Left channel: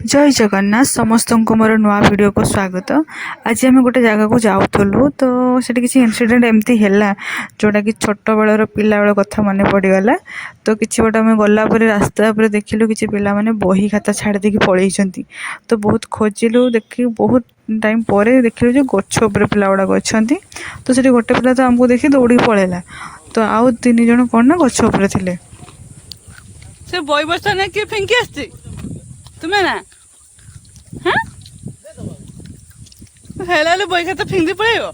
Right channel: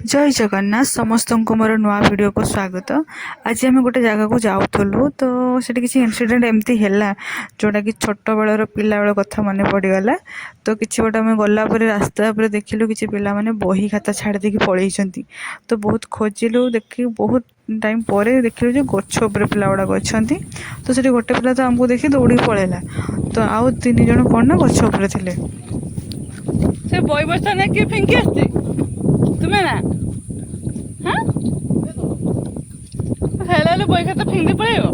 जय जगन्नाथ समस्त को मोर नुआ वीडियो को स्वागत। आज आम गोटे जगह को जाऊँ तो सेठी किसी इनसीडेंट एमती है जोटा कि छोट बेलर पिला बेल कथा मन पड़गला। तो किसी गोटे आम गला रास्ता पर देखिलु कि पिला माने बही खाता छाड़ देकी पलैंती। तो बहुत खोजिलु देखी बहुत टाइम पर देखिलु जो गछ उपर पिला गुड़ाक अच्छा। तो सेठी गोटे पिला तो आमको देखी दौड़ी पलैला। तो आउ तीन जन कौन ना गछ उपर थिले। से बई बस्ता ना कि फिंकी आस्ती तुम्हें ना हाँ हेला बई खाता फिंगी पड़ेगा।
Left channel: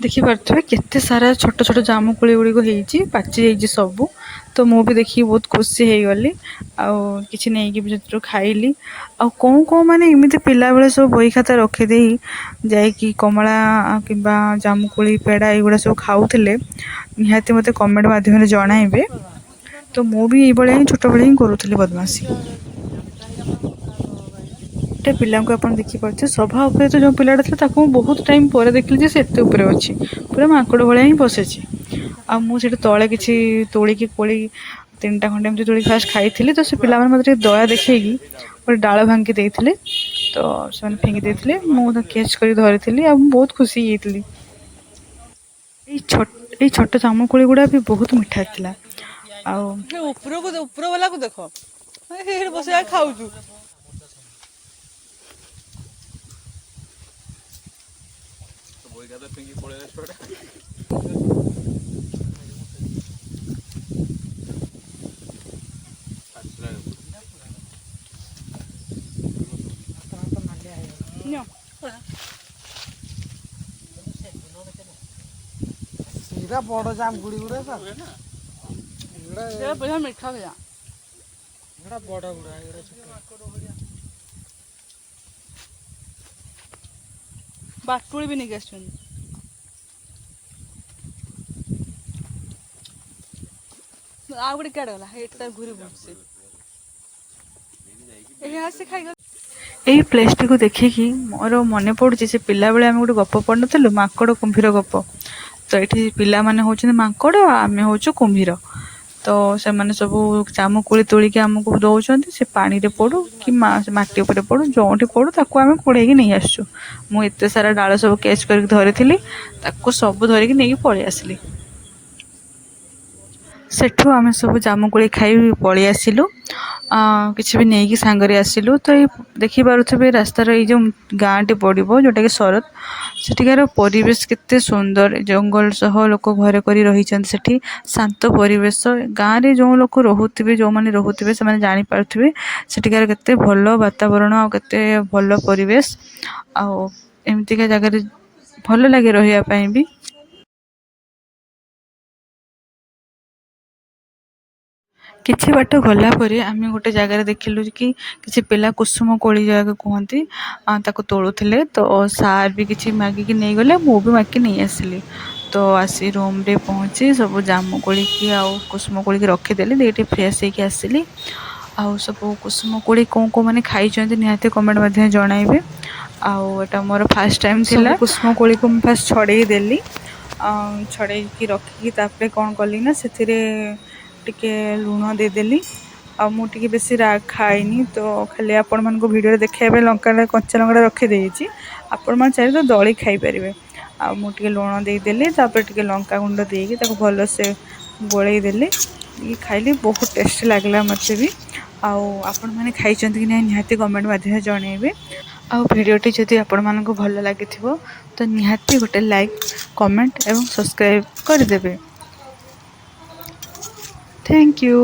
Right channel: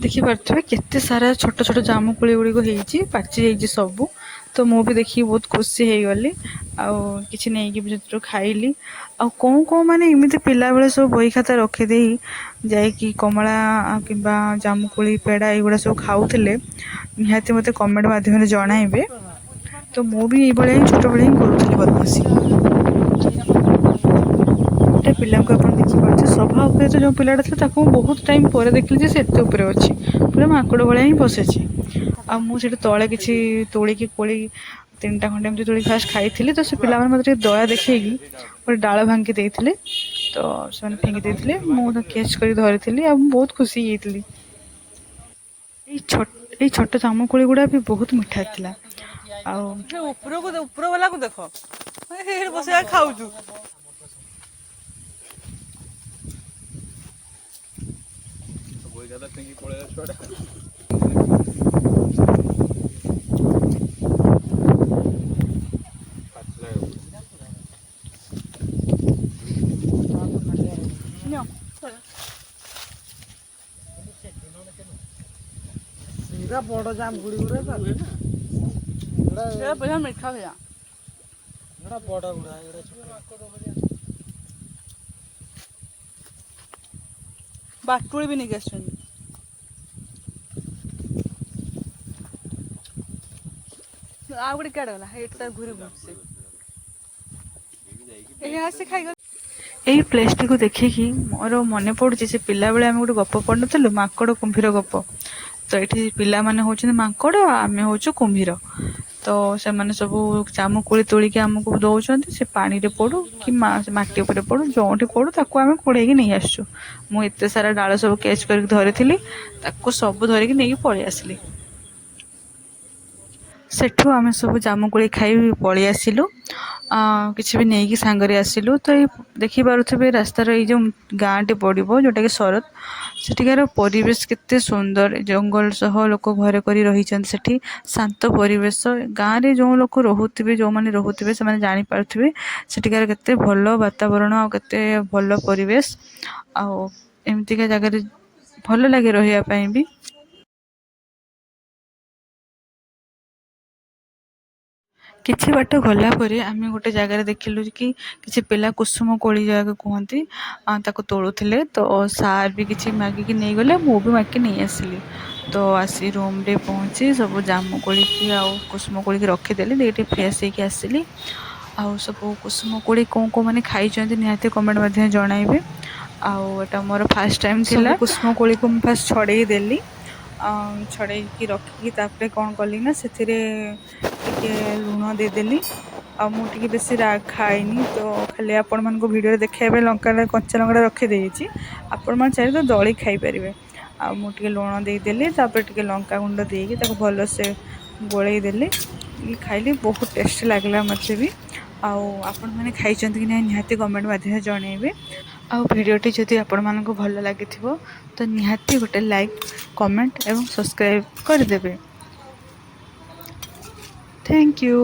देखिपे केते सारा छोट छोट जामुकोली गुड़िक हो पाची जाइए सबू। तो मु भी देखी बहुत खुशी हो गली आछि नहीं कि खाइली आ कौन कौन मैंने एमती पिला बेले सब बही खाता रखिदे जाकि कमला कि जामुकोली पेड़ा युवा सब खाऊले निहाती मत कमेंट माध्यम जनइबे। तो मु भी ये छोट बेले ही करूली बदमाशी। गोटे पिला को आप देखिए सभा उपर तो जो पिलाटा था बहुत टाइम पर देखिली से एत उपर अच्छी पूरा माकड़ भाया ही बसे मुझे तले कि तोलिकी कोली 3टा खंडे एमती तोड़ी फास्ट खाई। तो से पिला मत दया देखी गोटे डाल भांगी देते तो से फिंगी देते मुझे कैच कर धरी बहुत खुशी होती। ये छोट जामुकोली गुड़ा भी बहुत मिठा था। ऊपर वाला को देख बस खाऊ सीधा बड़ जाम गुड़ी गुड़ा बढ़िया मीठा भैया बड़ गुड़ा बाटुड़ी भी नहीं गैस आ गोटे क्या गला ये घूरी बुझे यही प्लेस टी को देखिकी मोर मन पड़ुଛି से पिला बेले आम गोटे गप पढ़ नु माकड़ कुंभीर गप। तो ये पिला माने होचंदी माकड़ आमे होचु कुंभीर। तो से माने सब जामुकोली तोलिकी आमको दौरान से पानी रे पड़ू कि माटी उपर पड़ू जोटी पड़ू ताको आम कोड़े नहीं आसु। मुझे सारा डाल सब कैच कर धरी सब धरिकी नहीं पलि आसली। सेठू आम सब जामुकोली खाई पलि आसिलु किसी भी नहीं कि सांगरे आसिलु। तो ये देखिपे रास्तार ये जो गाँटी पड़ो जोटा कि शरद सेठिकार परिवेश केते सुंदर जंगल सह लोक घर कर रही शांत परिवेश गाँव में जो लोग रोथे जो मैंने रोथे से जापारे सेठिकार केते भल वातावरण आ केते भल परिवेश आमतीका जगह भल लगे रही भी। किछि बाट गला परे आमे गोटे जगह देखिलु कि किछि पिला कुसुम कोली जगह कहती ताको तोड़ुथिले। तो सार भी किछि मागिकी नहीं गले मु भी मागिकी नहीं आसिली। तो आसी रूम रे पहुँची सब जामु कोली की आ कुसुम कोली की रखीदेली देठी फ्रेश होकर आसिली। आउ सब कुसुम कोली कौन कौन मैंने खाई निहाती कमेंट मध्य जनइबे। आटा मोर फास्ट टाइम थिला कुसुम कोली को मैं फास्ट छड़े देली छड़े रखिकी तापर कौन कली ना से लुण देदेली मुझे बेस खाईनी। तो खाली आपण मान भिडियो देखा लंका कच्चा लंका रखीदे आपण मैंने चाहिए तो दली खाईपर मुझे लुण देदेली टे लंका गुंड देकी भल से गोलैदेली खाइली बहुत टेस्टी लगला मत भी। आपण मैंने खाई कि ना निहाती कमेंट माध्यम जनइबे। भिडियोटी जदि आपण मानक भल लगी तो निहाती गोटे लाइक कमेंट एवं सब्सक्राइब करदेवे। Thank you.